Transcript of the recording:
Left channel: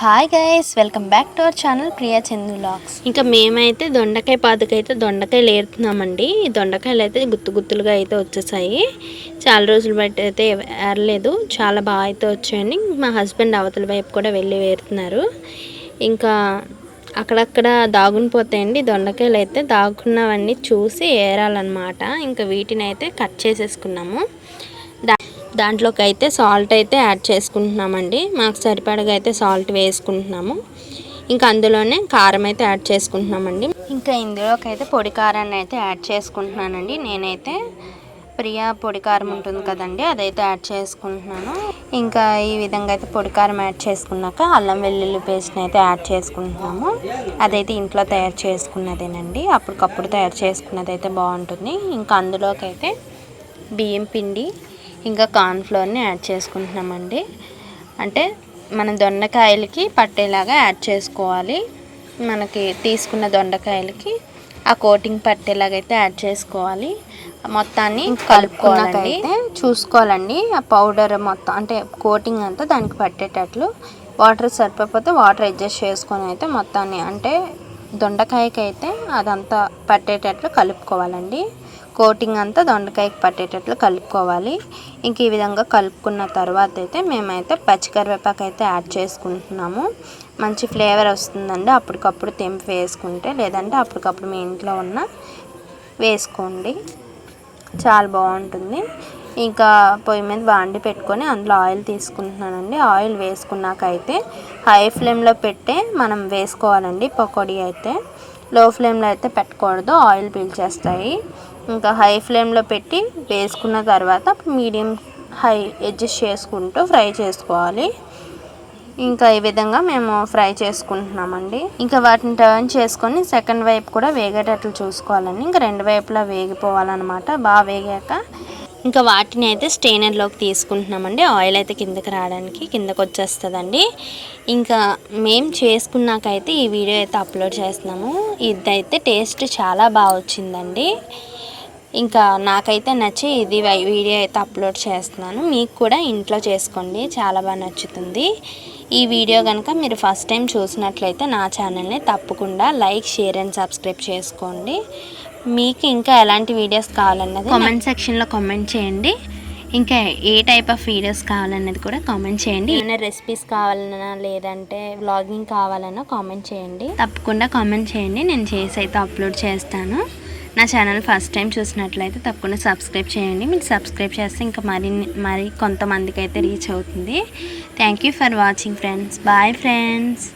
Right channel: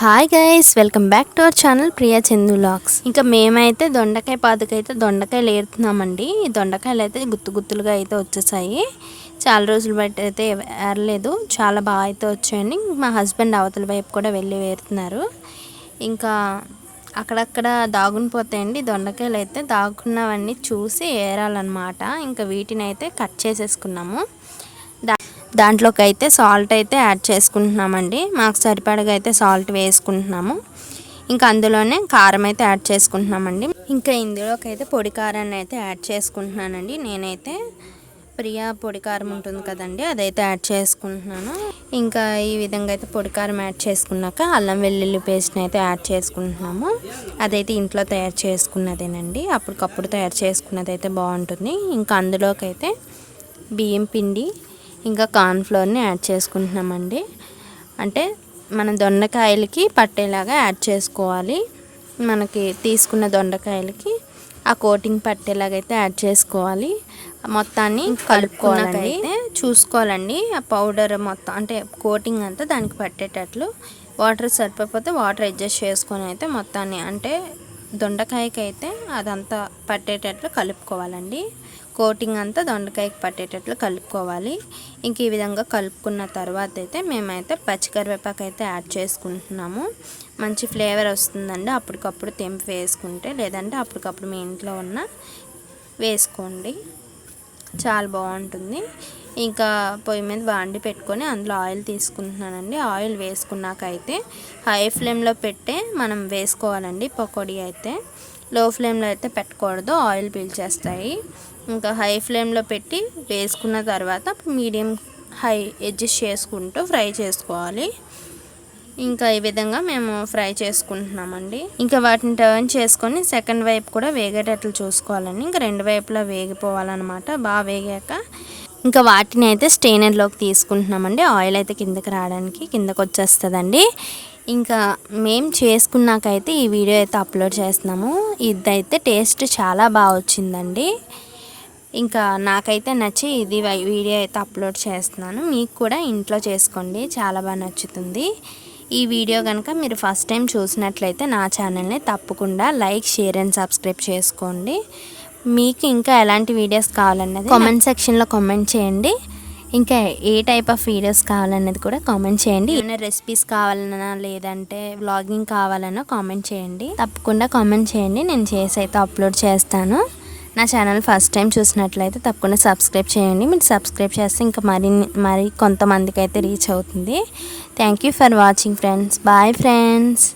Hi guys, welcome back to our channel Priya Chandu vlogs. ఇంకా మేమైతే దొండకాయ పాదుకైతే దొండకాయలు ఏరుతున్నామండి. ఈ దొండకాయలు అయితే గుత్తులుగా అయితే వచ్చేసాయి. చాలా రోజులు బట్టి అయితే ఏరలేదు, చాలా బాగా అయితే వచ్చాయండి. మా హస్బెండ్ అవతల వైపు కూడా వెళ్ళి ఏరుతున్నారు. ఇంకా అక్కడక్కడ దాగుని పోతాయండి దొండకాయలు అయితే. దాగున్నవన్నీ చూసి ఏరాలన్నమాట. ఇంకా వీటిని అయితే కట్ చేసేసుకున్నాము. దాంట్లోకి అయితే సాల్ట్ అయితే యాడ్ చేసుకుంటున్నామండి. మాకు సరిపడగా అయితే సాల్ట్ వేసుకుంటున్నాము. ఇంకా అందులోనే కారం అయితే యాడ్ చేసుకుంటున్నామండి. ఇంకా ఇందులోకి అయితే పొడి కారాన్ని అయితే యాడ్ చేసుకుంటున్నానండి. నేనైతే ప్రియా పొడి కారం ఉంటుంది కదండి, అదైతే యాడ్ చేసుకుంటున్నాను. ఇంకా ఈ విధంగా అయితే పొడి కారం యాడ్ చేసుకున్నాక అల్లం వెల్లుల్లి పేస్ట్ని అయితే యాడ్ చేసుకుంటున్నాము. అదైతే ఇంట్లో తయారు చేసుకున్నదేనండి, అప్పటికప్పుడు తయారు చేసుకున్నది అయితే బాగుంటుంది. ఇంకా అందులోకి అయితే బియ్యం పిండి ఇంకా కార్న్ఫ్లోర్ని యాడ్ చేసుకుంటున్నామండి. అంటే మన దొండకాయలకి పట్టేలాగా యాడ్ చేసుకోవాలి. మనకి తీసుకున్న దొండకాయలకి ఆ కోటింగ్ పట్టేలాగా అయితే యాడ్ చేసుకోవాలి. మొత్తాన్ని కలుపుకోవాలండి. చూసుకోవాలండి ఆ పౌడర్ మొత్తం అంటే కోటింగ్ అంతా దానికి పట్టేటట్లు. వాటర్ సరిపోతే వాటర్ అడ్జస్ట్ చేసుకొని అయితే మొత్తాన్ని అంటే దొండకాయకి అయితే అదంతా పట్టేటట్లు కలుపుకోవాలండి. కోటింగ్ అంతా దొండకాయకి పట్టేటట్లు కలుపుకోవాలి. ఇంక ఈ విధంగా కలుపుకున్న తర్వాత అయితే మేమైతే పచ్చికరివేపాకు అయితే యాడ్ చేసుకుంటున్నాము. మంచి ఫ్లేవర్ వస్తుందండి అప్పటికప్పుడు తెంపి వేసుకుంటే, లేదంటే అప్పటికప్పుడు మీ ఇంట్లో ఉన్న వేసుకోండి, చాలా బాగుంటుంది. ఇంకా పొయ్యి మీద బాండి పెట్టుకొని అందులో ఆయిల్ తీసుకుంటున్నానండి. ఆయిల్ వేసుకున్నాక అయితే హై ఫ్లేమ్లో పెట్టే మనం వేసుకోవాలండి. పకోడీ అయితే లో ఫ్లేమ్లో అయితే పెట్టకూడదు, ఆయిల్ పీల్చేస్తాయి. ఇంకా హై ఫ్లేమ్లో పెట్టి వేసుకున్న తర్వాత మీడియం హై అడ్జస్ట్ చేసుకుంటూ ఫ్రై చేసుకోవాలి. ఇంకా ఈ విధంగా మేము ఫ్రై చేసుకుంటున్నామండి. ఇంకా వాటిని టర్న్ చేసుకొని సెకండ్ వైపు కూడా వేగేటట్లు చూసుకోవాలండి. ఇంకా రెండు వైపులా వేగిపోవాలన్నమాట. బాగా వేగాక ఇంకా వాటిని అయితే స్టెయినర్లోకి తీసుకుంటున్నామండి. ఆయిల్ అయితే కిందకు వచ్చేస్తుందండి. ఇంకా మేము చేసుకున్నాకైతే ఈ వీడియో అయితే అప్లోడ్ చేస్తున్నాము. ఇదైతే టేస్ట్ చాలా బాగా వచ్చిందండి. ఇంకా నాకైతే నచ్చి ఇది వీడియో అయితే అప్లోడ్ చేస్తున్నాను. మీకు కూడా ఇంట్లో చేసుకోండి, చాలా బాగా నచ్చుతుంది. ఈ వీడియో కనుక మీరు ఫస్ట్ టైం చూసినట్లయితే నా ఛానల్ని తప్పకుండా లైక్, షేర్ అండ్ సబ్స్క్రైబ్ చేసుకోండి. మీకు ఇంకా ఎలాంటి వీడియోస్ కావాలన్నది కామెంట్ సెక్షన్లో కామెంట్ చేయండి. ఇంకా ఏ టైప్ ఆఫ్ వీడియోస్ కావాలన్నది కూడా కామెంట్ చేయండి. ఏమైనా రెసిపీస్ కావాలన్నా లేదంటే వ్లాగింగ్ కావాలన్నా కామెంట్ చేయండి. తప్పకుండా కామెంట్ చేయండి, నేను చేసి అయితే అప్లోడ్ చేస్తాను. నా ఛానల్ ఫస్ట్ టైం చూసినట్లయితే తప్పకుండా సబ్స్క్రైబ్ చేయండి. మీరు సబ్స్క్రైబ్ చేస్తే ఇంకా మరి కొంతమందికి అయితే రీచ్ అవుతుంది. Thank you for watching friends. Bye friends.